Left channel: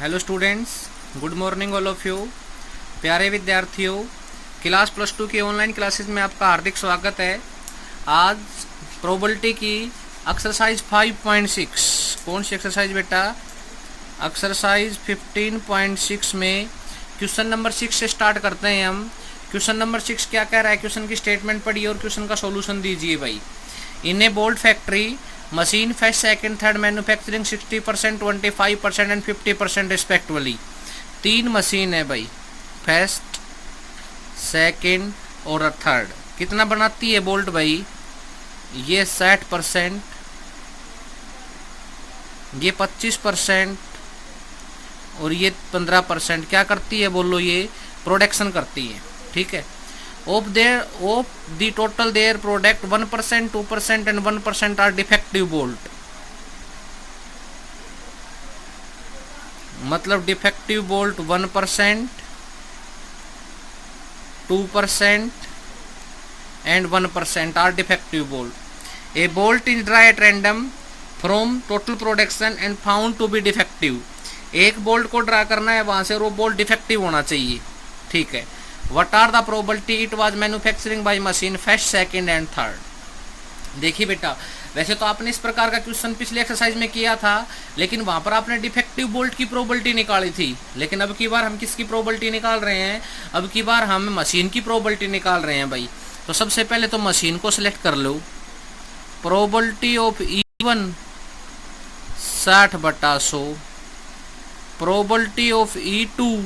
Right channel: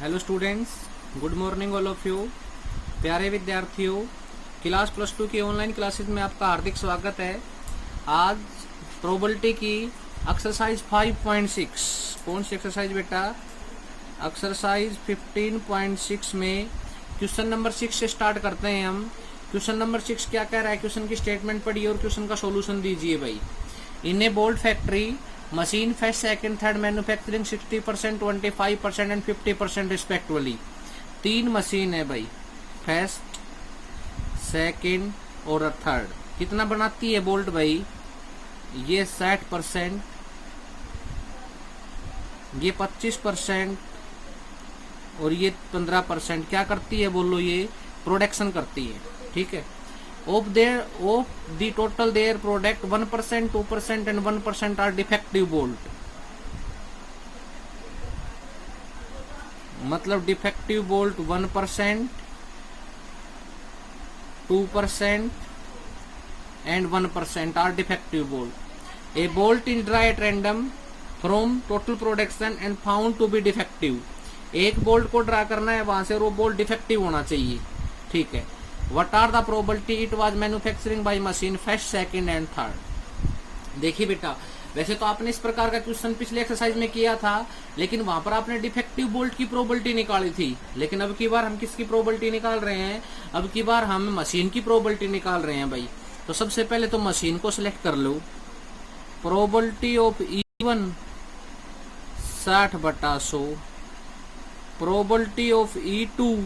Hello students, good morning all of you. प्यारे विद्यार्थियों, class plus two की online classes में आपका हार्दिक स्वागत है। आज प्रोबेबिलिटी की एक्सरसाइज 5.6, कौन सी एक्सरसाइज बेटा? एक्सरसाइज 15.6 में क्वेश्चन नंबर 6 से स्टार्ट करते हैं हम। क्वेश्चन नंबर 6 क्या कह रहा है? क्वेश्चन की स्टेटमेंट पढ़िए और क्वेश्चन का सॉल्यूशन दीजिए भाई। In a bolt factory machine first second third manufacturing 60%, 25% and 50% respectively. 3 machine है भाई, फर्स्ट सेकंड और थर्ड। कितना बनाती है बोल्ट भाई? ये 60%, ये 25% और ये 15% क्या करती है बोलो? ये प्रोडक्शन करती है, ठीक है। Of the total their product 1%, 2% and 1% are defective bolt. मतलब defective bolt 1%, 2% and 1% are defective bolt. A bolt is dry at random from total production and found to be defective. एक बोल्ट को draw करना है वहां से, वो bolt defective होना चाहिए, ठीक है। What are the probability it was manufacturing by machine first, second and third? देखिए बेटा, वैसे तो आपने इस प्रकार का क्वेश्चन पिछले एक्सरसाइज में किया था, लेकिन वहां पर आपने डिफेक्टिव बोल्ट की प्रोबेबिलिटी निकाली थी। लेकिन अब की बार हम किसकी प्रोबेबिलिटी निकाल रहे हैं? अब की बार हम मशीन की प्रोबेबिलिटी निकाल रहे हैं भाई। तो सबसे पहले तो मशीन को सिलेक्ट कर लो। Probability of E1 60/100, probability of E2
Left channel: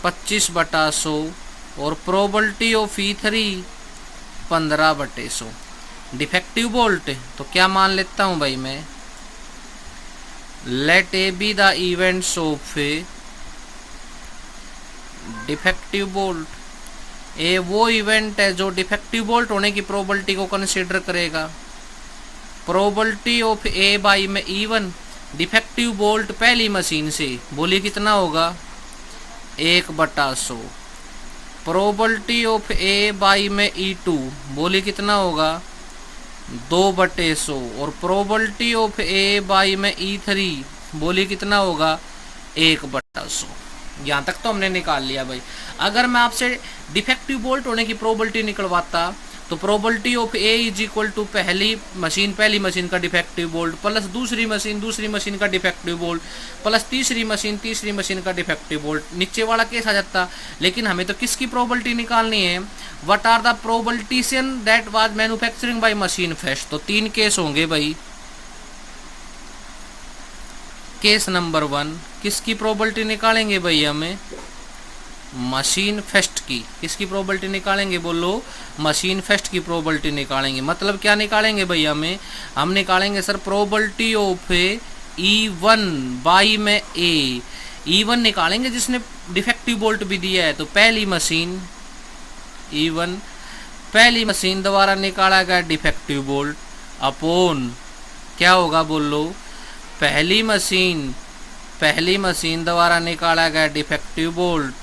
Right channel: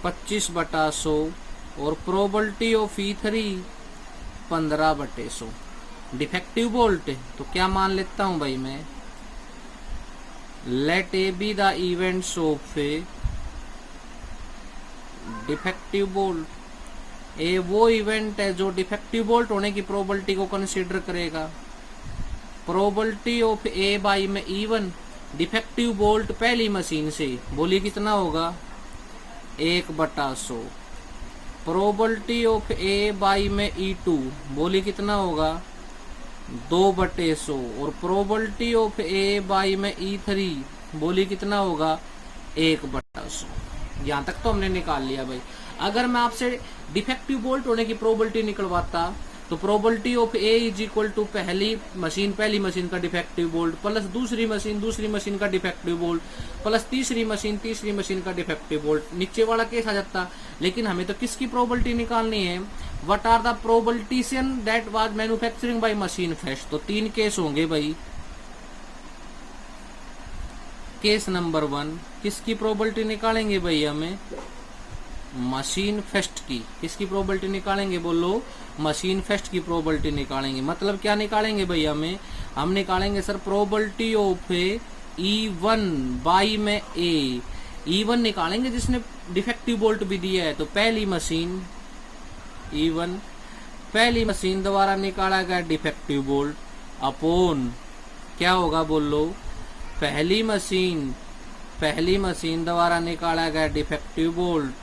25/100 और probability of E3 15/100। Defective bolt तो क्या मान लेता हूं भाई मैं? Let A B the events of A defective bolt. A वो इवेंट है जो डिफेक्टिव बोल्ट होने की प्रोबेबिलिटी को कंसीडर करेगा। प्रोबेबिलिटी ऑफ ए बाई में E1 डिफेक्टिव बोल्ट पहली मशीन से, बोलिए कितना होगा? 1/100। प्रोबेबिलिटी ऑफ ए बाई में E2, बोलिए कितना होगा? 2/100। और प्रोबेबिलिटी ऑफ ए बाई में E3, बोलिए कितना होगा? 1/100। यहाँ तक तो हमने निकाल लिया भाई। अगर मैं आपसे डिफेक्टिव बोल्ट होने की प्रोबेबिलिटी निकलवाता तो probability of A is equal to पहली मशीन का डिफेक्टिव बोल्ट प्लस दूसरी मशीन का डिफेक्टिव बोल्ट प्लस तीसरी मशीन का डिफेक्टिव बोल्ट। नीचे वाला केस आ जाता। लेकिन हमें तो किसकी प्रोबेबिलिटी निकालनी है? What are the probabilitician that was manufacturing by machine first. तो 3 केस होंगे भाई। केस नंबर 1, किसकी प्रोबेबिलिटी निकालेंगे भाई? हमें मशीन फर्स्ट की। किसकी प्रोबेबिलिटी निकालेंगे बोलो? मशीन फर्स्ट की प्रोबेबिलिटी निकालेंगे। मतलब क्या निकालेंगे भैया? हम निकालेंगे sir probability of E1 by में ए। E1 निकालेंगे जिसने डिफेक्टिव बोल्ट भी दिया है। तो पहली मशीन E1, पहली मशीन द्वारा निकाला गया डिफेक्टिव बोल्ट अपोन क्या होगा बोलो? पहली मशीन द्वारा निकाला गया डिफेक्टिव बोल्ट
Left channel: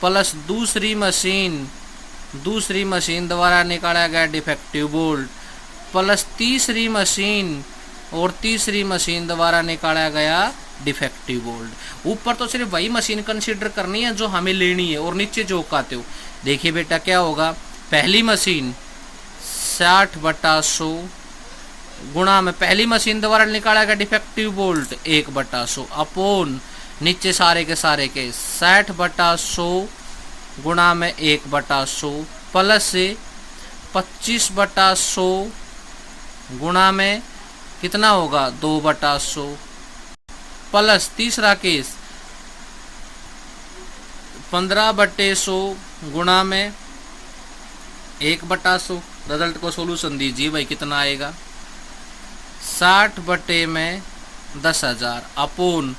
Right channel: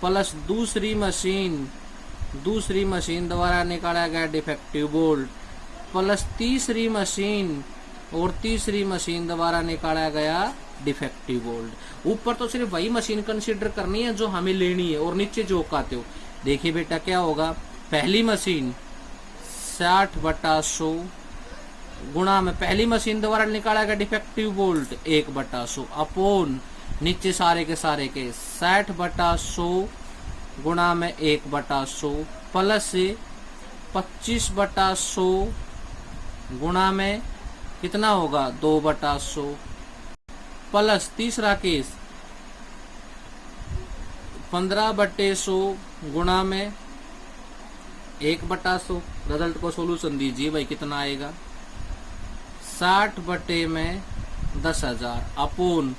प्लस दूसरी मशीन द्वारा निकाला गया डिफेक्टिव बोल्ट प्लस तीसरी मशीन द्वारा निकाला गया डिफेक्टिव बोल्ट। ऊपर तो सिर्फ वही मशीन कंसीडर करनी है जो हमें लेनी है और नीचे जो काते हो। देखिए बेटा क्या होगा? पहली मशीन 60/100 गुणा में पहली मशीन द्वारा निकाला गया डिफेक्टिव बोल्ट 1/100 अपोन नीचे सारे के 60/100 गुणा में 1/100 प्लस से 25/100 गुणा में कितना होगा? 2/100 प्लस तीसरा केस 15/100 गुणा में 1/100। रिजल्ट को सोल्यूशन दीजिए भाई, कितना आएगा? 60/10,000 अपोन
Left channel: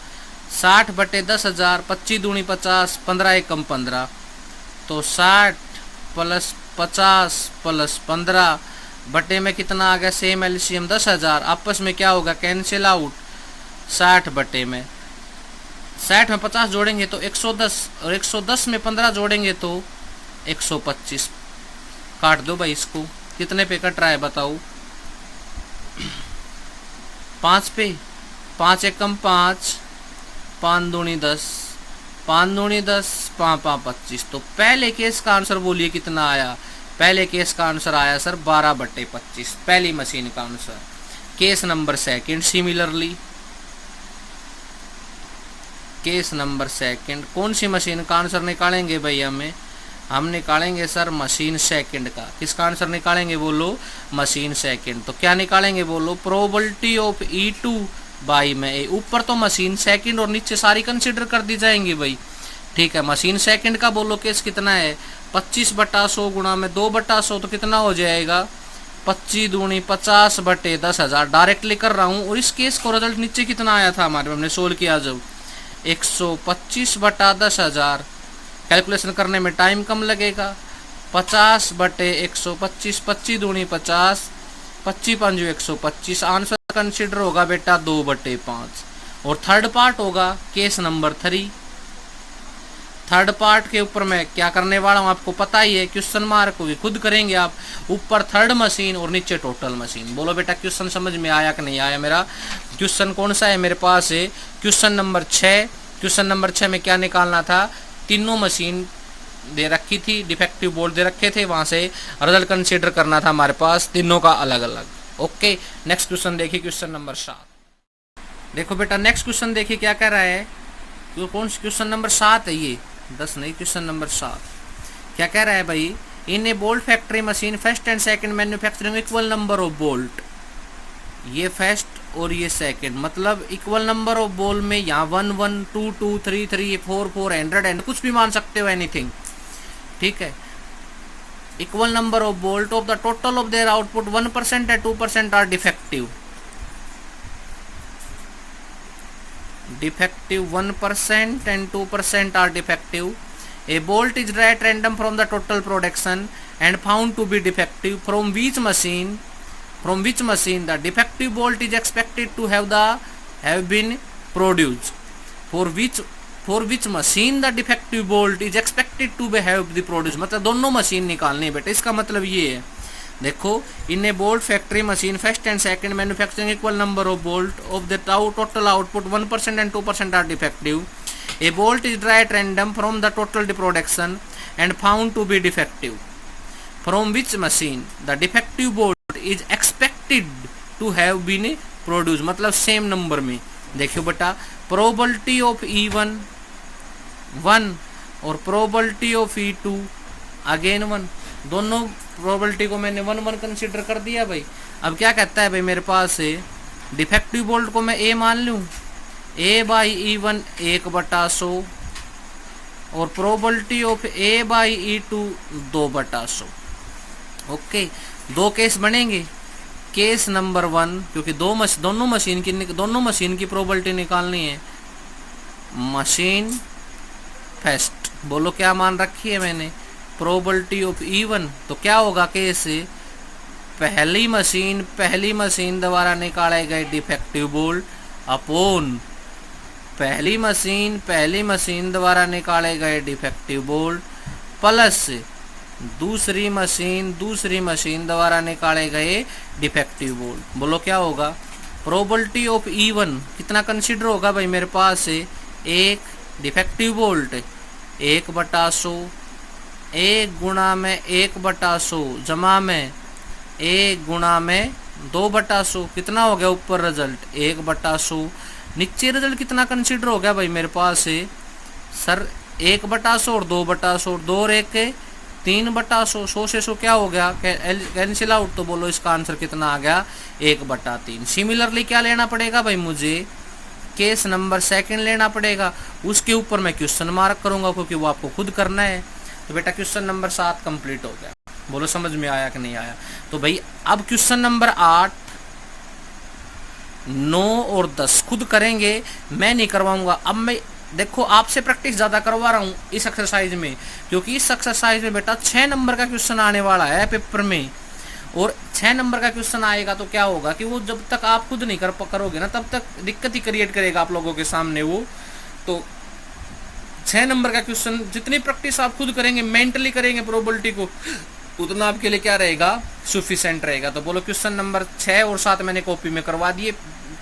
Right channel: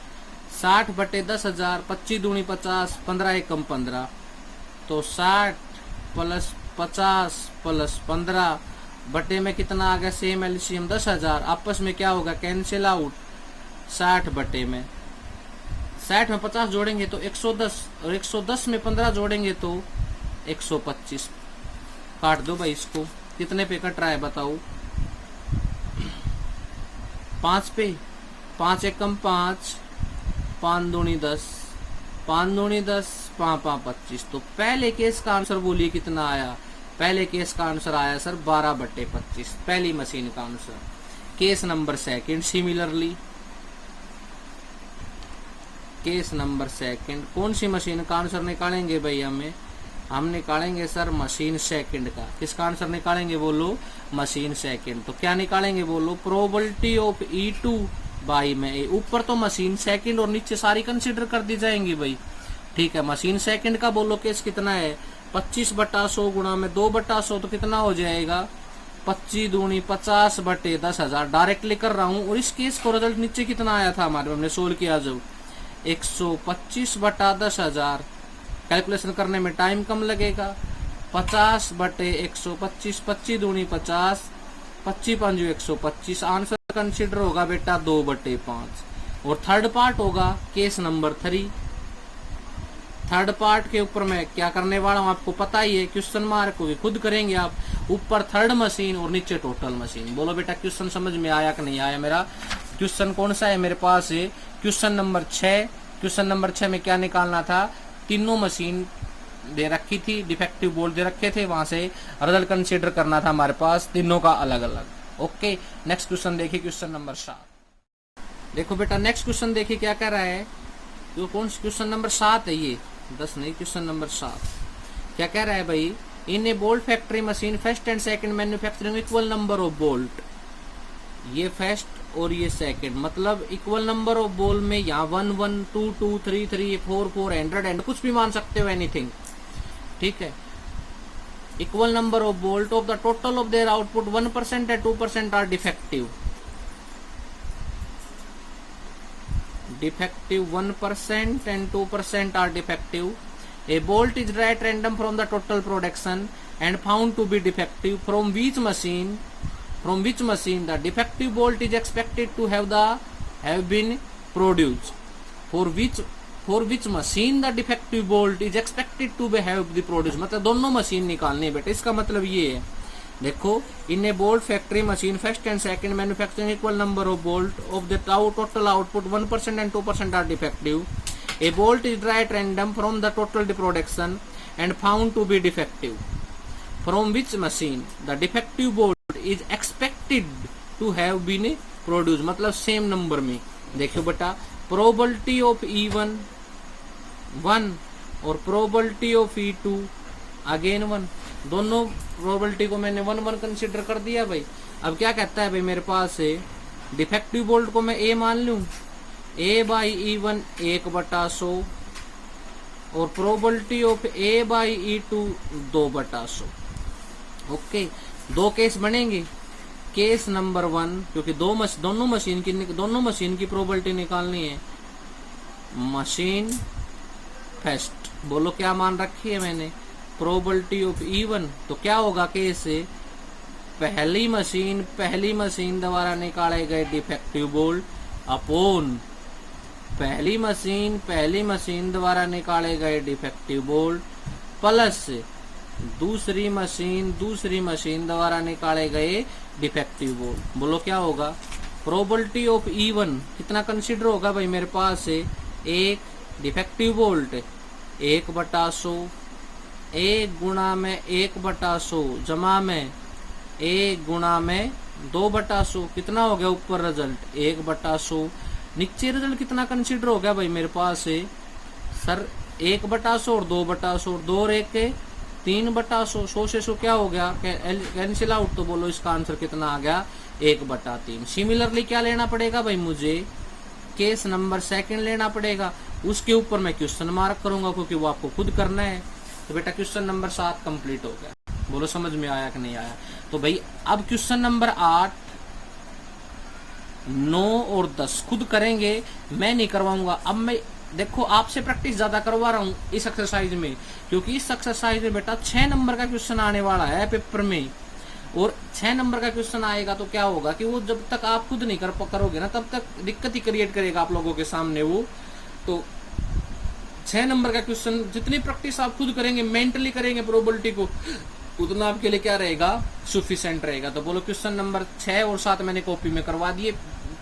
60/10,000, 25 दूनी 50, 15 एकम 15। तो 60 प्लस 50 प्लस 15 बटे में कितना आ गया? Same LCM 10,000। आपस में क्या होगा? Cancel out. 60 में 50 जोड़ेंगे तो 110 और 110 में 15 जोड़ेंगे तो 125। काट दो भाई इसको। कितने पे कट रहा है बताओ? 5 पे, 5 एकम 5, 5 दूनी 10, 5 दूनी 10, 5 5 25। तो पहले केस का आंसर बोलिए कितना आया। पहले केस का आंसर आया सर 12/25, पहली मशीन का answer. Case number second, similarly case number second, कौन सी मशीन का आंसर निकालेंगे भाई हम निकालेंगे सर मशीन सेकंड का। किसका आंसर निकालेंगे बोलो, मशीन सेकंड। तो क्या निकालेंगे बोलो, प्रोबेबिलिटी ऑफ E2 बाई में ए। ऊपर तो मशीन सेकंड और नीचे सारी कंसीडर कर दी जाएंगी भाई, ठीक है। मशीन सेकंड का बोलो केस कितना है, 25/100 गुणा में 2/100, तो कितना हो जाएगा 25 दूनी 50/10,000। डायरेक्टली कर रहा हूँ। और इस केस को रिजल्ट नीचे कितना आया था हमारे, हमने सोल्व किया जब 125/10,000। कैलकुलेशन करने में टाइम कम लगेगा। 50/125, 25 दूनी 50, 25 पंजू 125। आंसर कंसिडर होगा बेटा 2/5। और थर्ड पार्ट होगा केस नंबर 3। थर्ड पार्ट के ऊपर मैं क्या करने वाला हूँ आपको पता ही है, क्वेश्चन मार्क होगी, खुद करेंगे आप। ऊपर थर्ड मशीन और नीचे टोटल मशीन। बोलो बेटा क्वेश्चन समझ में आया कि नहीं आया। मेरा क्वेश्चन कौन सा है मेरे पास है, क्वेश्चन नंबर 6। क्वेश्चन नंबर 6 में क्या निकालना था, तीनों मशीन दे रखी थी, डिफेक्टिव बोल्ट दे रखे थे, वहां से रिजल्ट कंसीडर करना था हमारे पास तीनों का अलग अलग। ओके, नेक्स्ट क्वेश्चन देखिए, क्वेश्चन नंबर 7। देखो बेटा नेक्स्ट क्वेश्चन देखिए क्या कह रहा है, कौन सा क्वेश्चन नंबर 7 है ये, 10 नहीं, क्वेश्चन नंबर 7। क्या कह रहा है भाई, in a bolt factory machine first and second manufacturing equal number of bolt. ये फर्स्ट और ये सेकंड, मतलब इक्वल नंबर ऑफ बोल में यहाँ 1 1 2 2 3 3 4 4 100 एंड कुछ भी मान सकते हो, एनीथिंग, ठीक है। Equal number of bolt of the total of their output 1% and 2% are defective. Defective 1% and 2% are defective. A bolt is drawn at random from the total production and found to be defective. From which machine the defective bolt is expected to have been produced? For which machine the defective bolt is expected to have been produced? मतलब दोनों machine निकालनी है बेटा। इसका मतलब ये है, देखो, in a bolt factory machine first and second manufacturing equal number of bolt of the total output 1% and 2% are defective. A bolt is dry at random from the total production and found to be defective. From which machine the defective bolt is expected to have been produce, मतलब same number में। देखियो बेटा, probability of E1 1 और probability of E2 again 1, दोनों probability को मैंने 1 1 consider कर दिया भाई। अब क्या कहता है भाई, मेरे पास है डिफेक्टिव बोल्ट को मैं ए मान लूँ, A/E1 1/100 और प्रोबेबिलिटी ऑफ A/E2 2/100। ओके, दो केस बनेंगे। केस नंबर 1, क्योंकि दोनों मशीन की प्रोबेबिलिटी निकालनी है। मशीन फर्स्ट, बोलो क्या मान रखी है मैंने, प्रोबेबिलिटी ऑफ E1। तो क्या होगा केस, पहली मशीन द्वारा निकाले गए डिफेक्टिव बोल्ट अपॉन पहली मशीन द्वारा निकाले गए डिफेक्टिव बोल्ट प्लस दूसरी मशीन द्वारा निकाले गए डिफेक्टिव बोल्ट। बोलो क्या होगा, प्रोबेबिलिटी ऑफ E1 कितना कंसीडर होगा भाई, मेरे पास है एक डिफेक्टिव बोल्ट 1/100, 1 गुणा में 1/100 जमा में 1 गुणा में 2/100, कितना हो गया ऊपर रिजल्ट 1/100। नीचे रिजल्ट कितना कंसीडर हो गया भाई मेरे पास है सर 1/100 और 2/100, 2 और 1 के 3/100, 100 से 100 क्या हो गया, कैंसिल आउट। तो बोलो इसका आंसर कितना आ गया 1/3। सिमिलरली क्या लेना पड़ेगा भाई, मुझे केस नंबर सेकंड लेना पड़ेगा, उसके ऊपर मैं क्वेश्चन मार्क करूंगा क्योंकि वो आपको खुद करना है। तो बेटा क्वेश्चन नंबर 7 कंप्लीट हो गया। बोलो समझ में आया कि नहीं आया। तो भाई अब क्वेश्चन नंबर 8, 9 और 10 खुद करेंगे, मैं नहीं करवाऊंगा। अब मैं देखो आपसे प्रैक्टिस ज्यादा करवा रहा हूँ इस एक्सरसाइज में, क्योंकि इस एक्सरसाइज में बेटा 6 नंबर का क्वेश्चन आने वाला है पेपर में। और 6 नंबर का क्वेश्चन आएगा तो क्या होगा कि वो जब तक आप खुद नहीं करोगे ना तब तक दिक्कत ही क्रिएट करेगा आप लोगों के सामने वो। तो 6 नंबर का क्वेश्चन जितनी प्रैक्टिस आप खुद करेंगे, मेंटली करेंगे प्रोबेबिलिटी को, उतना आपके लिए क्या रहेगा, सफिशिएंट रहेगा। तो बोलो क्वेश्चन नंबर 6 और 7 मैंने कॉपी में करवा दिए,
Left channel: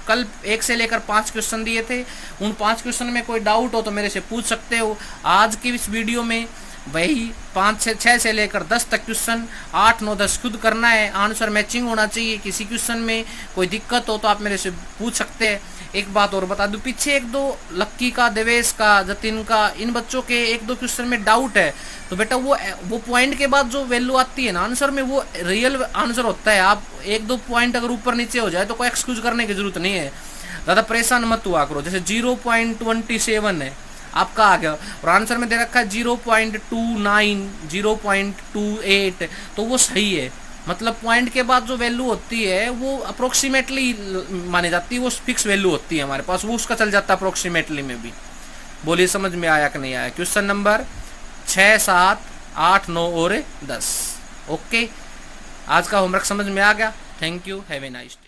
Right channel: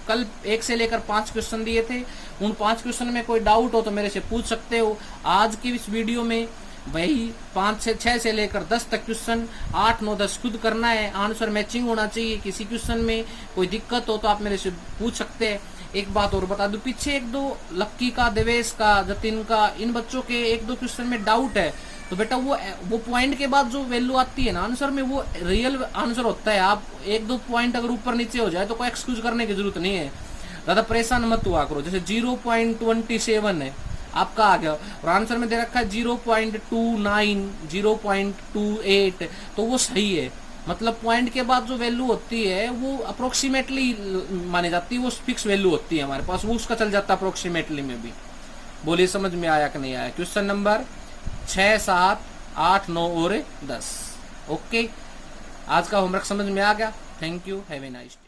कल 1 से लेकर 5 क्वेश्चन दिए थे, उन 5 क्वेश्चन में कोई डाउट हो तो मेरे से पूछ सकते हो। आज की इस वीडियो में वही 5 से 6 से लेकर 10 तक क्वेश्चन 8 9 10 खुद करना है, आंसर मैचिंग होना चाहिए। किसी क्वेश्चन में कोई दिक्कत हो तो आप मेरे से पूछ सकते हैं। एक बात और बता दूं, पीछे 1-2 लक्की का, देवेश का, जतिन का, इन बच्चों के 1-2 क्वेश्चन में डाउट है तो बेटा वो पॉइंट के बाद जो वैल्यू आती है ना आंसर में, वो रियल आंसर होता है। आप 1-2 पॉइंट अगर ऊपर नीचे हो जाए तो कोई एक्सक्यूज करने की जरूरत नहीं है, ज़्यादा परेशान मत हुआ करो। जैसे 0.27 है आपका आ गया और आंसर में दे रखा है 0.29, 0.28, तो वो सही है। मतलब पॉइंट के बाद जो वैल्यू होती है वो अप्रोक्सीमेटली मानी जाती है, वो फिक्स वैल्यू होती है हमारे पास, वो उसका चल जाता है अप्रोक्सीमेटली में भी। बोलिए समझ में आया कि नहीं आया? क्वेश्चन नंबर 6, 7, 8, 9 और 10। ओके, आज का होमवर्क समझ में आ गया। Thank you, have a nice day.